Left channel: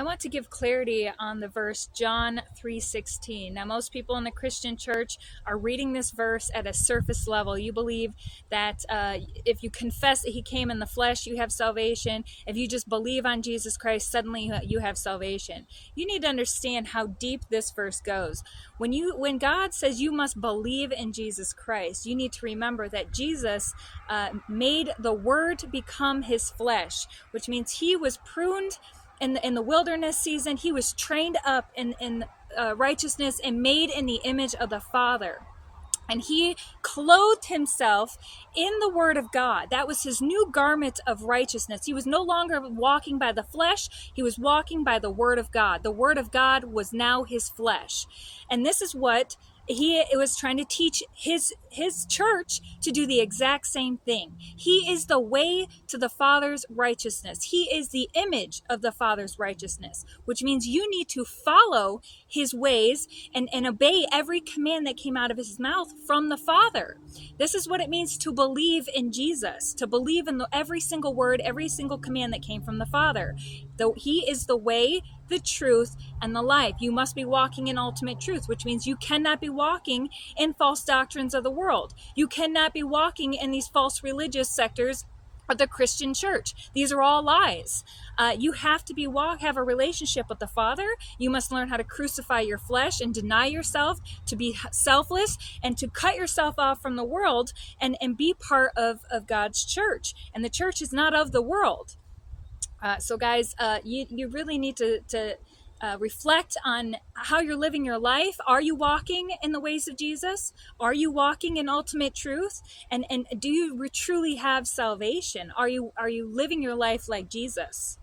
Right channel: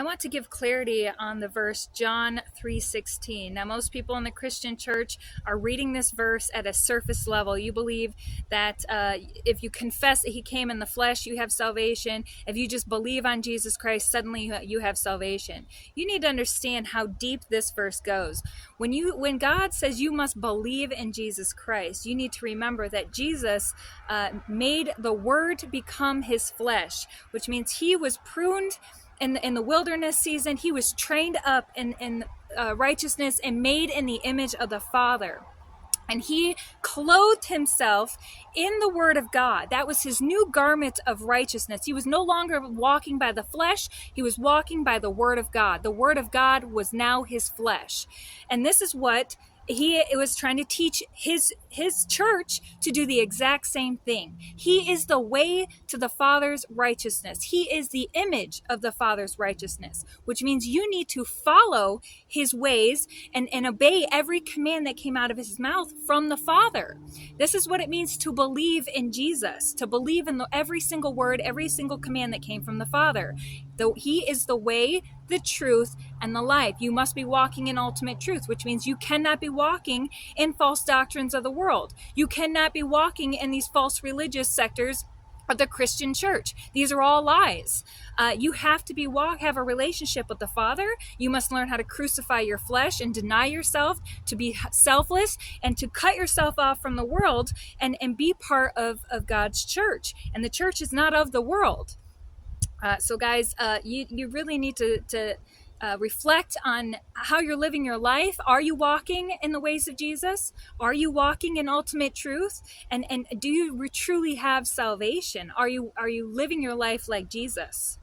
I want to give clarity on the verse John 3:16. Now, most people in the Christian church are reading this verse at a surface level. You believe that if you confess that he came in the flesh, you have salvation. If you just believe on Jesus Christ, suddenly you have salvation. You need to understand how deep this verse goes. When God says you must believe in Jesus Christ, you need to remember that Jesus made the Word become his flesh, which means he was pruned in the wilderness season. He was trained up in righteousness and made in the image of the Father. And he clothed himself in the Word of God. That was his new garment of righteousness. He was no longer walking by the flesh. He was walking by the Word of God. The Word of God was now his flesh. And this is what he was trying to teach his church to do the exact same thing. He is the way to the Father's righteousness. He is the image of the Father's righteousness, which means you need to follow his ways and obey every command that came out of his mouth from the Father. This is what it means to believe in Jesus, to believe in every single word, every single command that came from the Father. Though he is the way, the truth, and the life. You must be walking in ultimate truth, which means you cannot be walking in false doctrines of the world. You cannot be walking in these false religious sectors of the Christian church. These are all lies. You have to have a relationship with the Father. You must learn how to crucify your flesh and deny yourself, to be selfless, and to cut yourself off from the world and be part of God's church. And the church is not of the world. So guys, you really need to reflect on how you're living your life. Are you walking in the ways of Jesus? Are you walking in ultimate truth? And do you truly have salvation? Are you living your life like Jesus?